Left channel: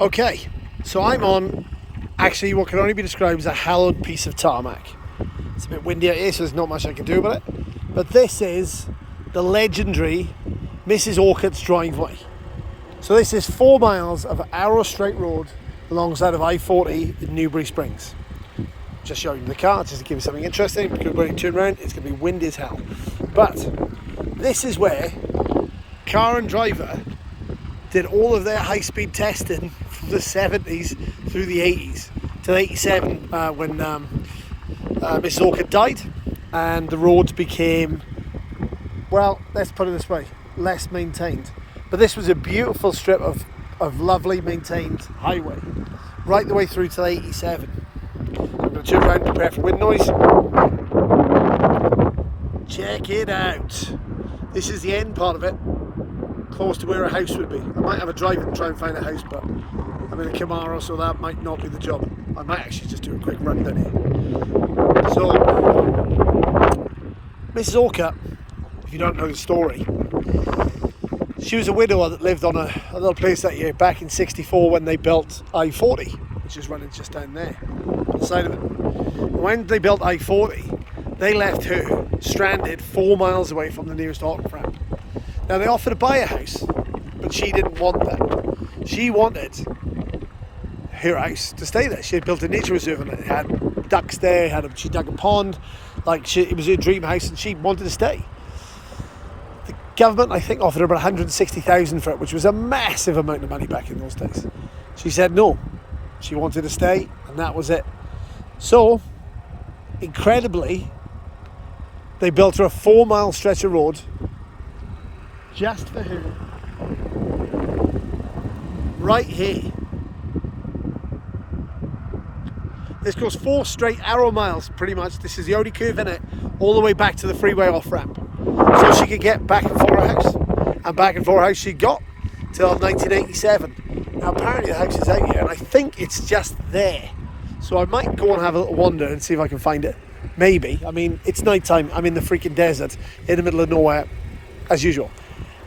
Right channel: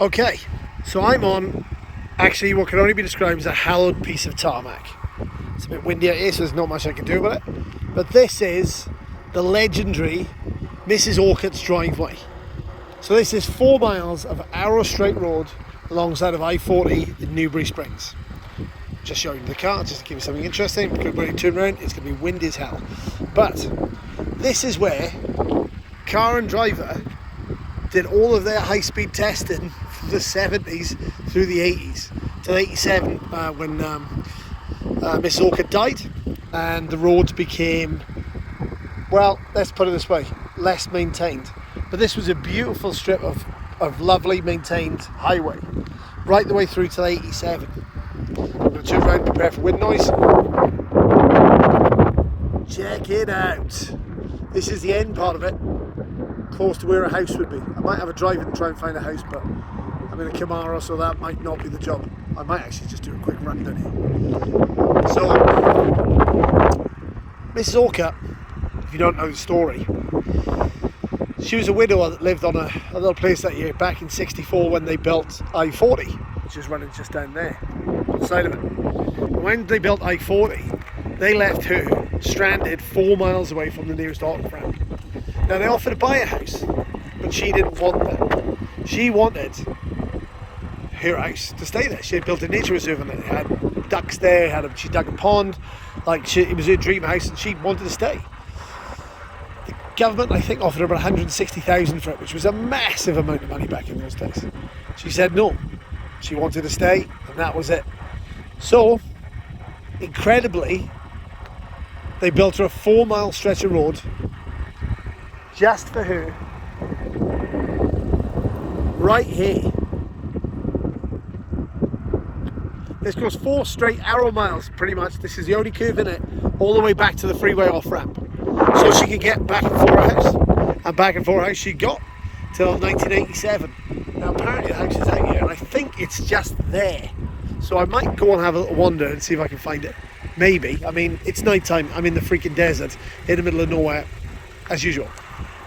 Okay, so I'm on actually what can only be described as a hallowed piece of tarmac. It's a bit windy out here, so there's not much I can do about it. But this is the legendary Mrs Orcutt's driveway. So this is 4 miles of arrow straight road alongside of I-40 in Newbury Springs. Just showing you the car, just to give you something interesting, because when you turn around, it's going to be windy as hell. But this is where car and driver did all of their high-speed testing from the 70s through the 80s till 87 when Mrs Orcutt died, and the roads became, well, let's put it this way, less maintained. But this was a beautiful strip of lovely maintained highway right the way through till 87. I'm going to turn around and prepare for wind noise. Check it out. This is the end part of it, close to where a house would be. I might have a drive and try and find a house, but I'm in a Camaro, so that might not be the job. I might actually just do a quick run down here. So, Mrs Orcutt, if you don't know the story, she was a widower that lived on a little place that year back in '64 when they built I-40, which is running just down there, on the side of it. And when they built I-40, they left her stranded 4 miles away from the nearest off-ramp. Now they offered to buy a house, but she didn't want that. She wanted her house to stay there. She had built a nature reserve and it had ducks there, she dug a pond, it was her dream house, and she wanted to stay. The government, I think, offered her about 160,000 for it, which was a massive amount of money back in those days. She said no. She wanted to stay, and that was it. So, incredibly, they built her a 4 mile stretch of road just for her, right here. This goes 4 straight arrow miles, pretty much. This is the only curve in it, all the way back to the freeway off-ramp. So she could get back and forth house. And back and forth house she got till 1987. Now apparently the house is out here, and I think it's just there. So I might go and have a little wander and see if I can find it. Maybe. I mean, it's night time. I'm in the freaking desert, in the middle of nowhere, as usual.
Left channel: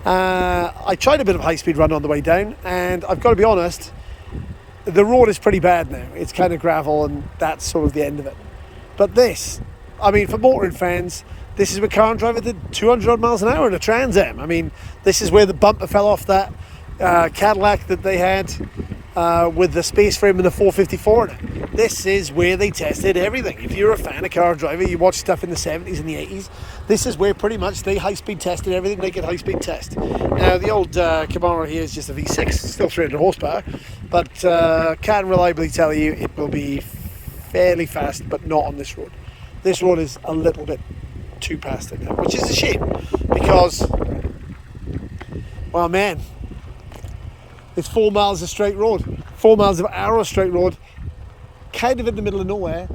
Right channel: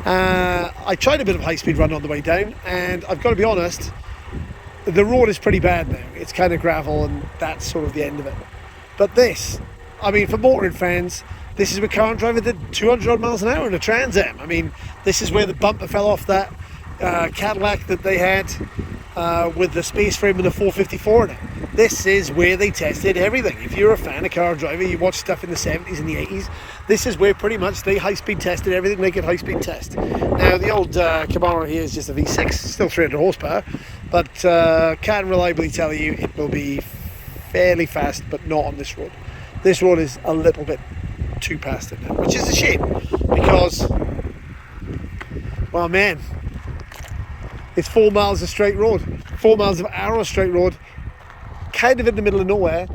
I tried a bit of a high-speed run on the way down, and I've got to be honest, the road is pretty bad now. It's kind of gravel, and that's sort of the end of it. But this, I mean, for motoring fans, this is where car and driver did 200 odd miles an hour in a Trans Am. I mean, this is where the bumper fell off that Cadillac that they had with the space frame and the 454 in it. This is where they tested everything. If you're a fan of car and driver, you watch stuff in the 70s and the 80s, this is where pretty much they high-speed tested everything they could high-speed test. Now, the old Camaro here is just a V6, still 300 horsepower, but can reliably tell you it will be fairly fast, but not on this road. This road is a little bit too past it now, which is a shame, because, well, man, it's 4 miles of straight road, 4 miles of arrow straight road, kind of in the middle of nowhere,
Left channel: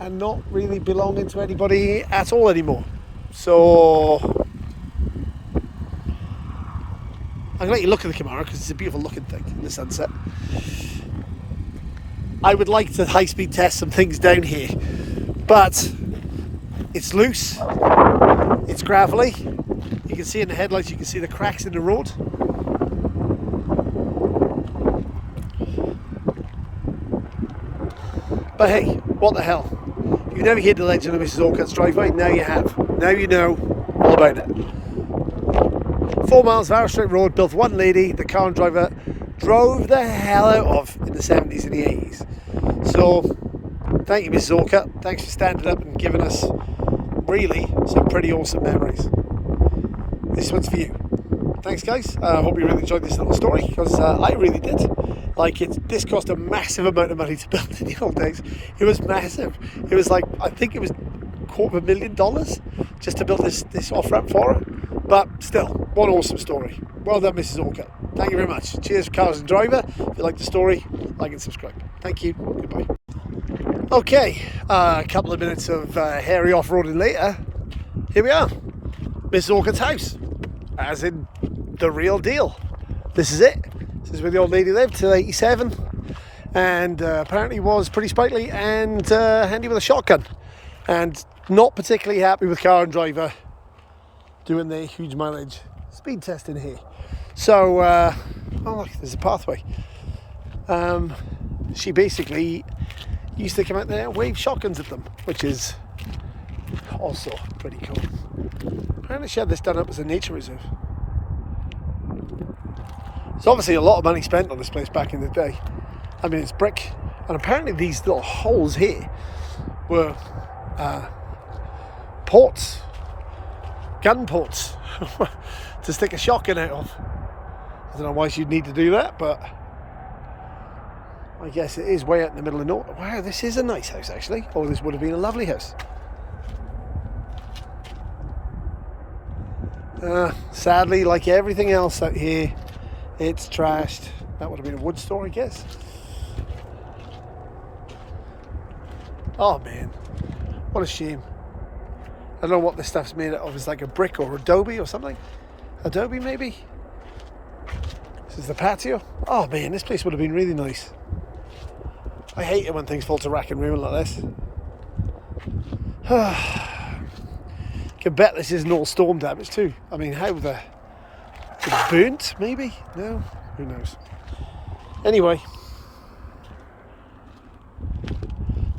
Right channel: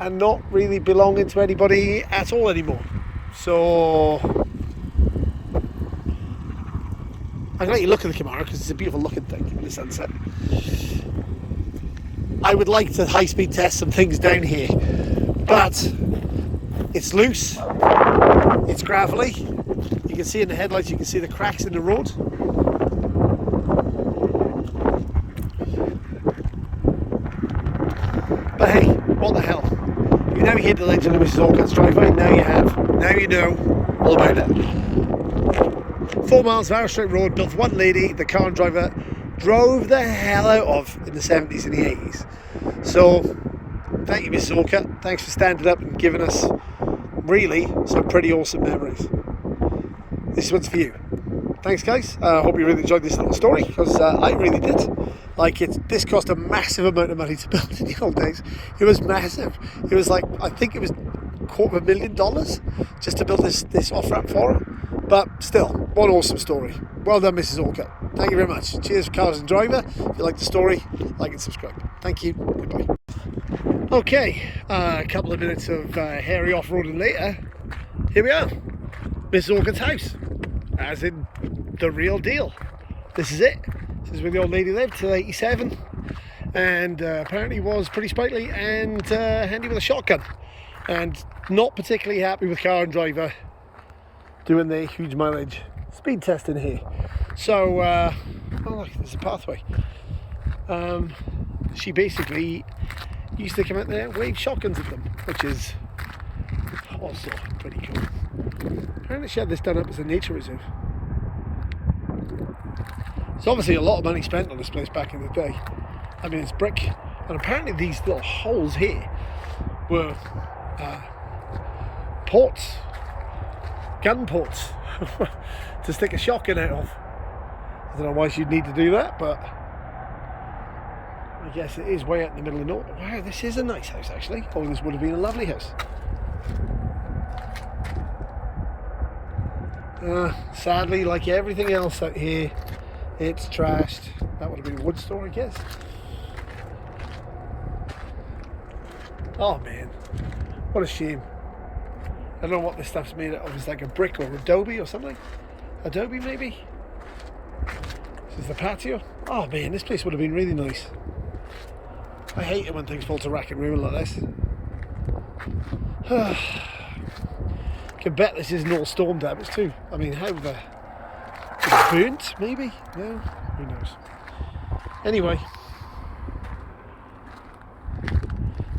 and not really belonging to anybody at all anymore. So I'm going to let you look at the Camaro because it's a beautiful looking thing in the sunset. I would like to high-speed test some things down here, but it's loose, it's gravelly. You can see in the headlights, you can see the cracks in the road. But hey, what the hell? You never heard the Legend of Mrs Orcutt's driveway, now you have. Now you know all about it. 4 miles of arrow straight road, built for one lady, the car and driver drove the hell out of in the 70s and the 80s. So, thank you Mrs Orcutt, thanks for standing up and giving us really some pretty awesome memories. This one's for you. Thanks guys, I hope you really enjoyed this little story, because I really did. This cost a massive amount of money to build in the old days. It was massive. It was like, I think it was $250,000 just to build this off-ramp for her. But still, what an awesome story. Well done, Mrs Orcutt. Thank you very much. Cheers, cars and driver. If you like the story, like and subscribe. Thank you. Goodbye. Okay, a couple of minutes of hairy off-roading later, here we are. Mrs Orcutt's house, as in the real deal. This is it. This is where the old lady lived till 87, and apparently was pretty sprightly and handy with a shotgun, and not particularly happy with car and driver doing the huge mileage speed testing here. So, oh look, there's a pathway. she basically used to come out there and wave shotguns at them, which is also pretty cool. Apparently she had this done up as a nature reserve. There's obviously a lot of money spent on this place back in the day. I mean, it's brick, and apparently these little holes here were ports, gun ports, to stick a shotgun out of. I don't know why she'd need to do that, but I guess it is way out in the middle of nowhere. Wow, this is a nice house actually. Oh, this would have been a lovely house. Sadly, like everything else out here, it's trashed. That would have been a wood store, I guess. Oh man, what a shame. I don't know what this stuff's made out of. It's like a brick or adobe or something. Adobe maybe? This is the patio. Oh man, this place would have been really nice. I hate it when things fall to rack and ruin like this. Can bet this isn't all storm damage too. I mean, how the... Is it burnt maybe? No? Who knows? Anyway.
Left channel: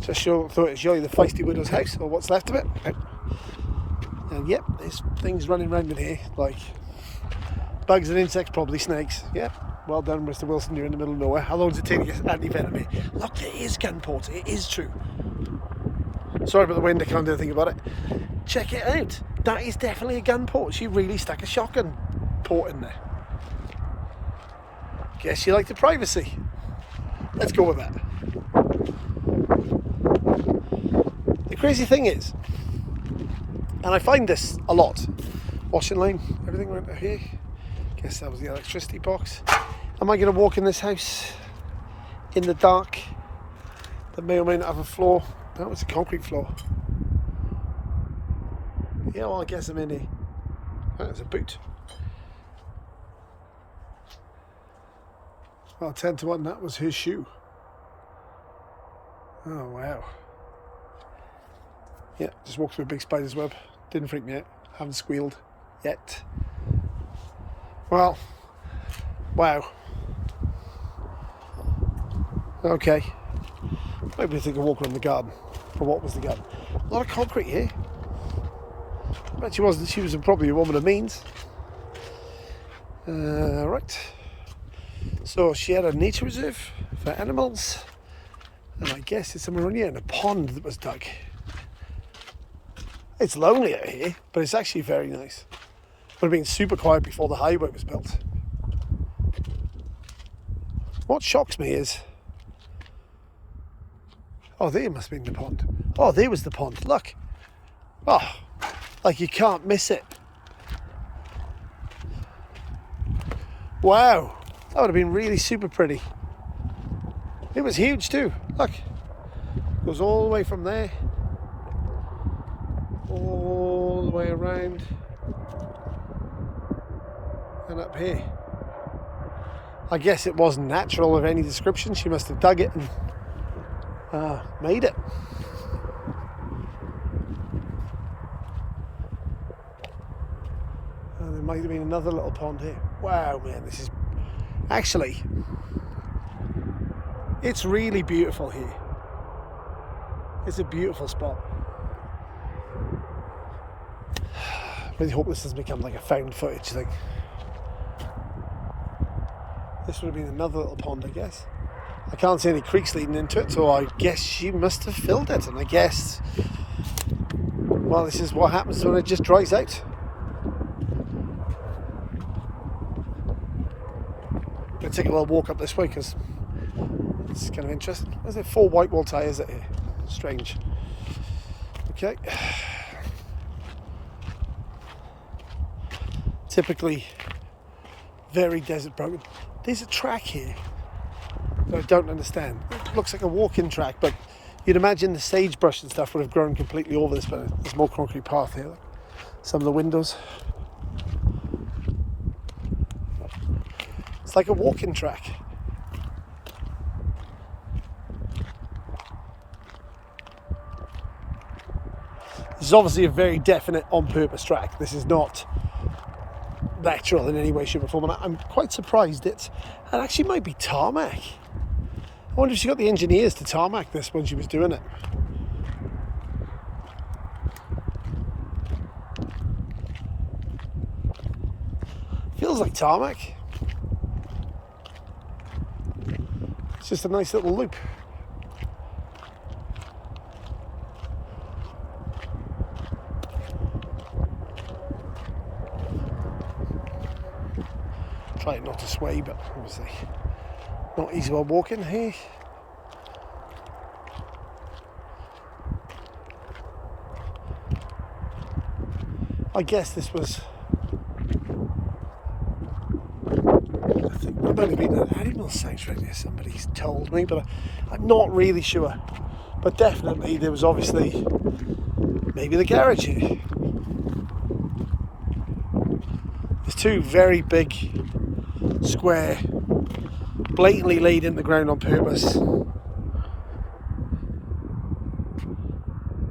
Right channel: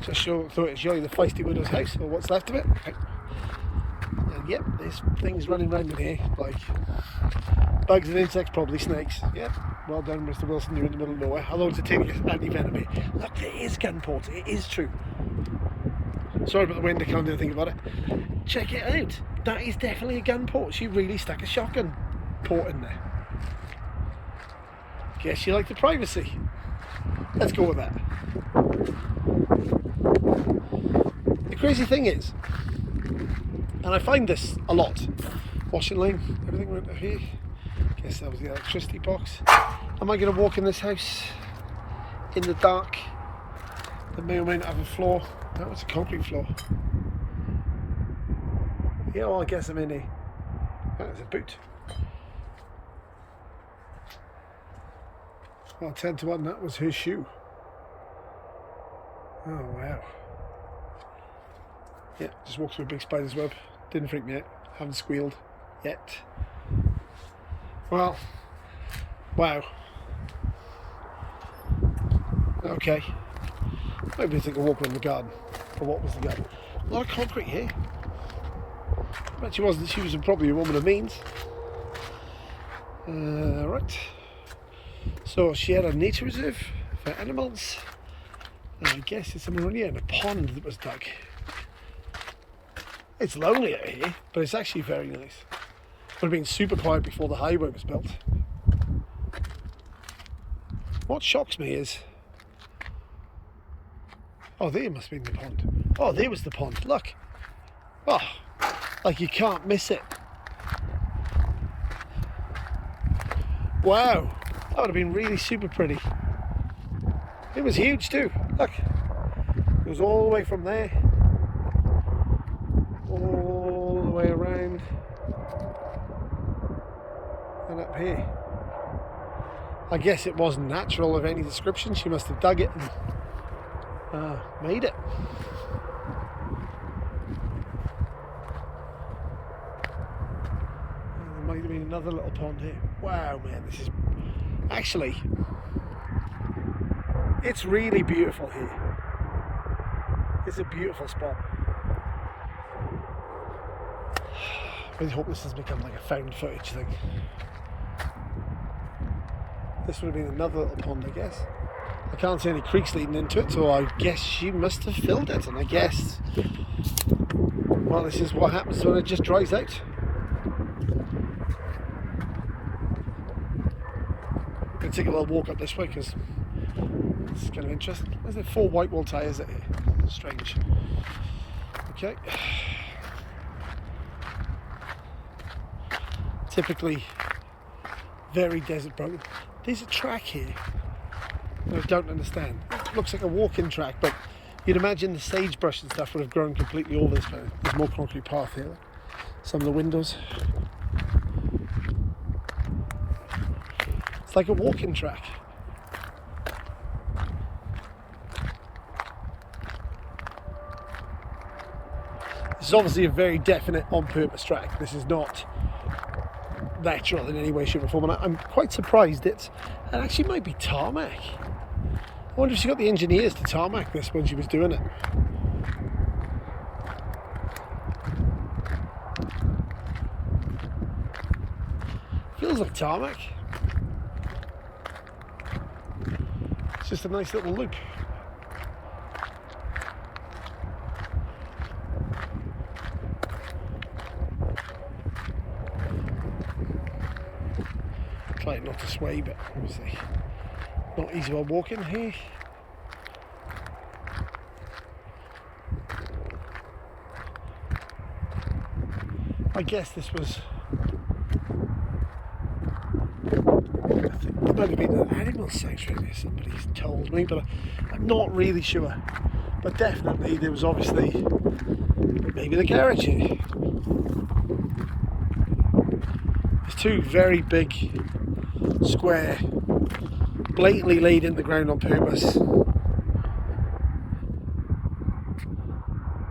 Just thought I'd show you the feisty widow's house, or what's left of it. And yep, there's things running around in here, like bugs and insects, probably snakes. Yep, well done, Mr. Wilson, you're in the middle of nowhere. How long does it take to get anti-venom here? Look, there is gun ports, it is true. Sorry about the wind, I can't do anything about it. Check it out, that is definitely a gun port. She really stuck a shotgun port in there. Guess she liked the privacy. Let's go with that. The crazy thing is, and I find this a lot, washing line, everything right here. Guess that was the electricity box. Am I going to walk in this house in the dark that may or may not have a floor? No, it's a concrete floor. Yeah, well, I guess I'm in here. That is a boot. Well, 10 to 1, that was his shoe. Oh, wow. Yeah, just walked through a big spider's web. Didn't freak me out. Haven't squealed yet. Well, wow. Okay. Maybe think of walking in the garden. But what was the garden? A lot of concrete here. But she was probably a woman of means. Right. So she had a nature reserve for animals. And I guess it's somewhere around here in a pond that was dug. It's lonely out here, but it's actually very nice. Would have been super quiet before the highway was built. What shocks me is... Oh, there must have been the pond. Oh, there was the pond, look. Oh, like you can't miss it. Wow, that would have been really super pretty. It was huge too, look. Goes all the way from there. All the way around. And up here. I guess it wasn't natural of any description. She must have dug it and made it. And there might have been another little pond here. Wow, man, this is actually, it's really beautiful here. It's a beautiful spot. I really hope this has become like a found footage thing. This would have been another little pond, I guess. I can't see any creeks leading into it, so I guess she must have filled it. And I guess, well, this is what happens when it just dries out. I'm going to take a little walk up this way because it's kind of interesting. There's 4 white wall tyres out here. Strange. Okay. Typically very desert prone. There's a track here that I don't understand. It looks like a walking track, but you'd imagine the sagebrush and stuff would have grown completely over this, but there's more concrete path here. Like some of the windows. It's like a walking track. This is obviously a very definite on-purpose track. This is not natural in any way, shape or form, and I'm quite surprised it actually might be tarmac. I wonder if she got the engineers to tarmac this when she was doing it. Feels like tarmac. It's just a nice little loop. Trying not to sway, but obviously not easy while walking here. I guess this was, I think it might have been an animal sanctuary, somebody's told me, but I'm not really sure. But definitely there was obviously maybe the garage here. There's two very big square, blatantly laid into the ground on purpose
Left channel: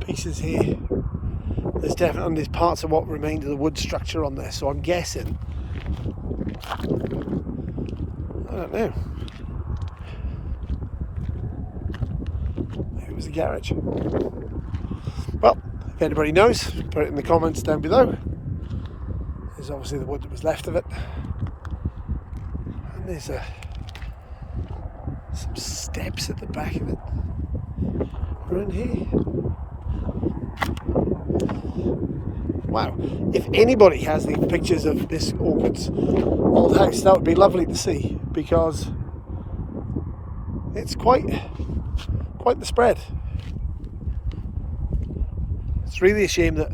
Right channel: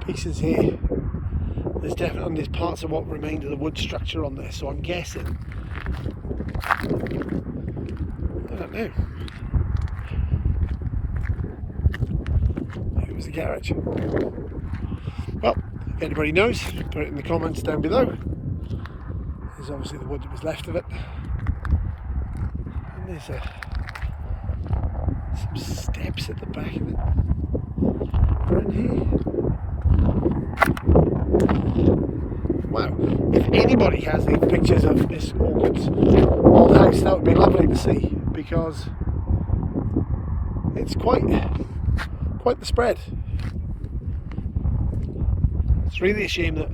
pieces here. There's definitely, and there's parts of what remained of the wood structure on there, so I'm guessing, I don't know, maybe it was a garage. Well, if anybody knows, put it in the comments down below. There's obviously the wood that was left of it. And there's some steps at the back of it around here. Wow, if anybody has any pictures of this Orchid's old house, that would be lovely to see, because it's quite the spread. It's really a shame that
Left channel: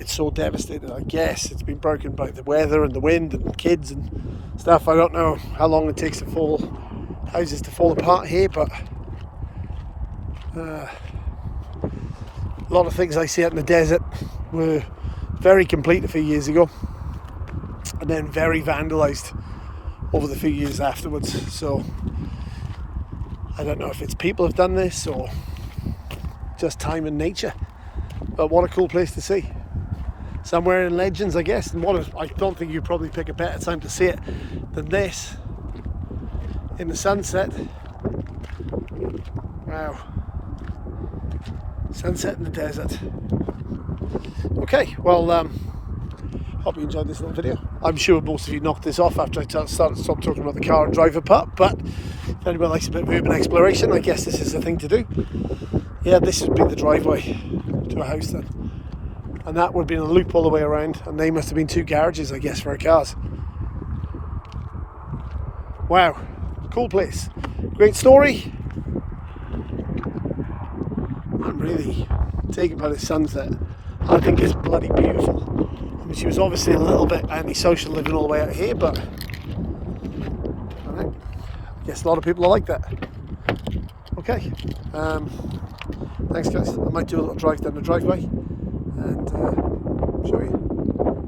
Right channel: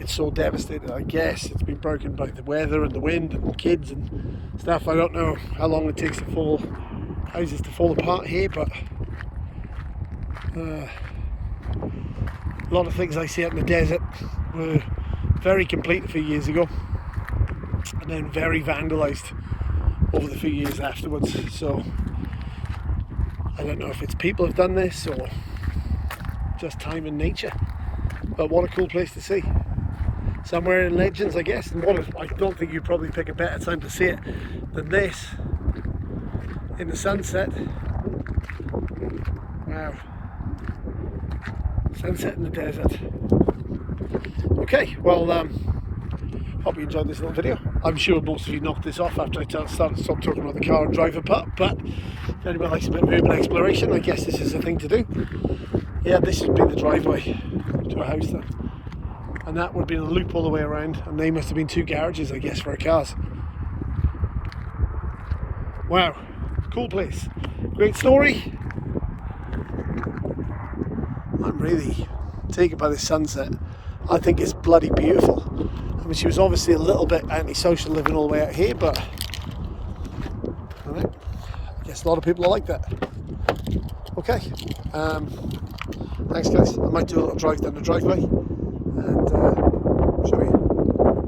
it's so devastated. I guess it's been broken by the weather and the wind and kids and stuff. I don't know how long it takes for houses to fall apart here, but a lot of things I see out in the desert were very complete a few years ago and then very vandalised over the few years afterwards. So I don't know if it's people have done this or just time and nature, but what a cool place to see. Somewhere in Legends, I guess, and I don't think you'd probably pick a better time to see it than this in the sunset. Wow, sunset in the desert. Okay, well, hope you enjoyed this little video. I'm sure most of you knocked this off after I stopped talking about the car and drive apart, but if anybody likes a bit of urban exploration, I guess this is the thing to do. Yeah, this would be the driveway to a house then. And that would have been a loop all the way around, and they must have been two garages, I guess, for our cars. Wow, cool place. Great story. I'm really taken by the sunset. I think it's bloody beautiful. I mean, she was obviously a little bit antisocial living all the way out here, but I don't know, I guess a lot of people are like that. Okay, thanks guys. I might do a little drive down the driveway and show you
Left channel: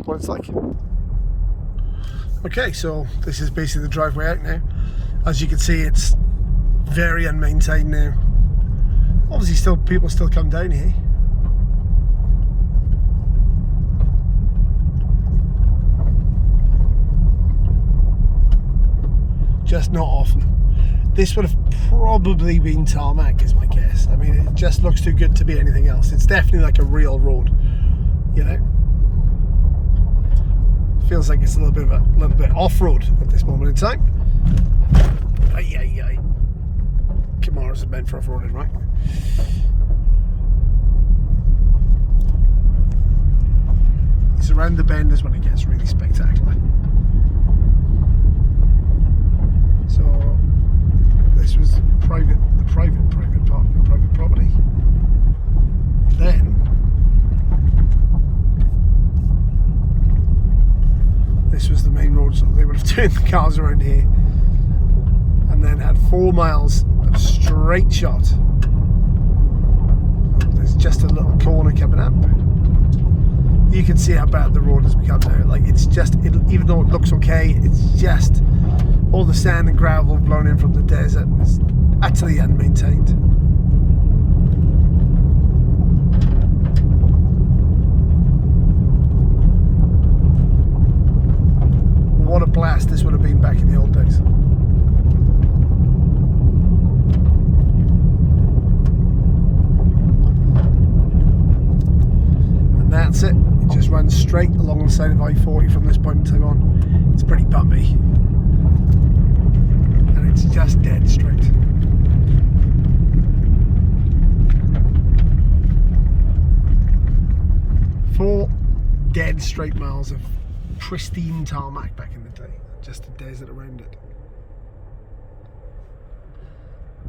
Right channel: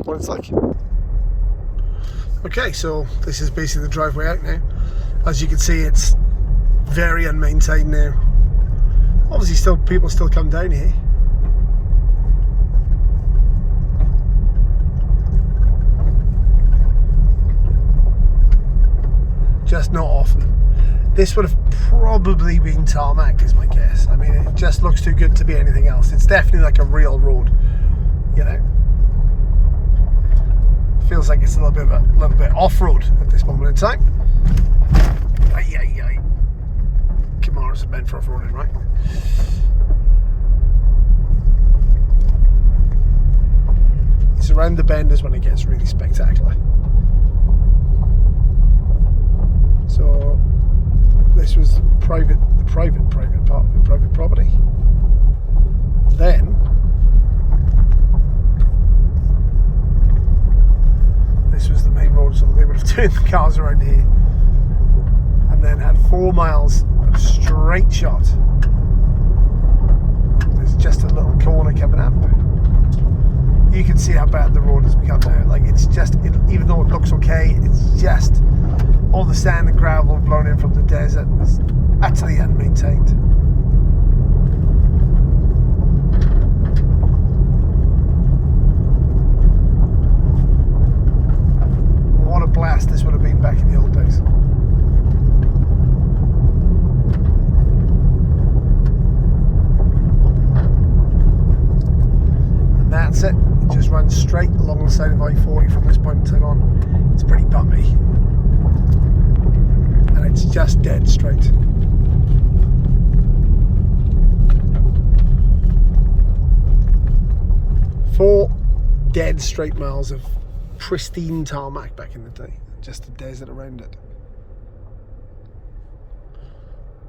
what it's like. Okay, so this is basically the driveway out now. As you can see, it's very unmaintained now. Obviously people still come down here. Just not often. This would have probably been tarmac is my guess. I mean, it just looks too good to be anything else. It's definitely like a real road, you know. Feels like it's a little bit off-road at this moment in time. Ay. Camaros are meant for off-roading, right? It's around the benders when it gets really spectacular. So this was the private property. Then this was the main road, so they would have turned the cars around here and then had 4 miles of straight shot. There's just a little corner coming up. You can see how bad the road has become now. Like, it's just, even though it looks okay, it's just all the sand and gravel blown in from the desert. It's utterly unmaintained. What a blast this would have been back in the old days. runs straight along the side of I-40 from this point in time on. It's pretty bumpy, and it's just dead straight. Four dead straight miles of pristine tarmac back in the day, just the desert around it.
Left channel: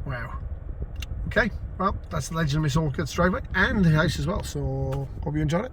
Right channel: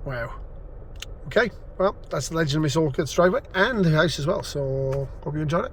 Wow. Okay, well, that's the Legend of Mrs Orcutt driveway and the house as well, so hope you enjoyed it.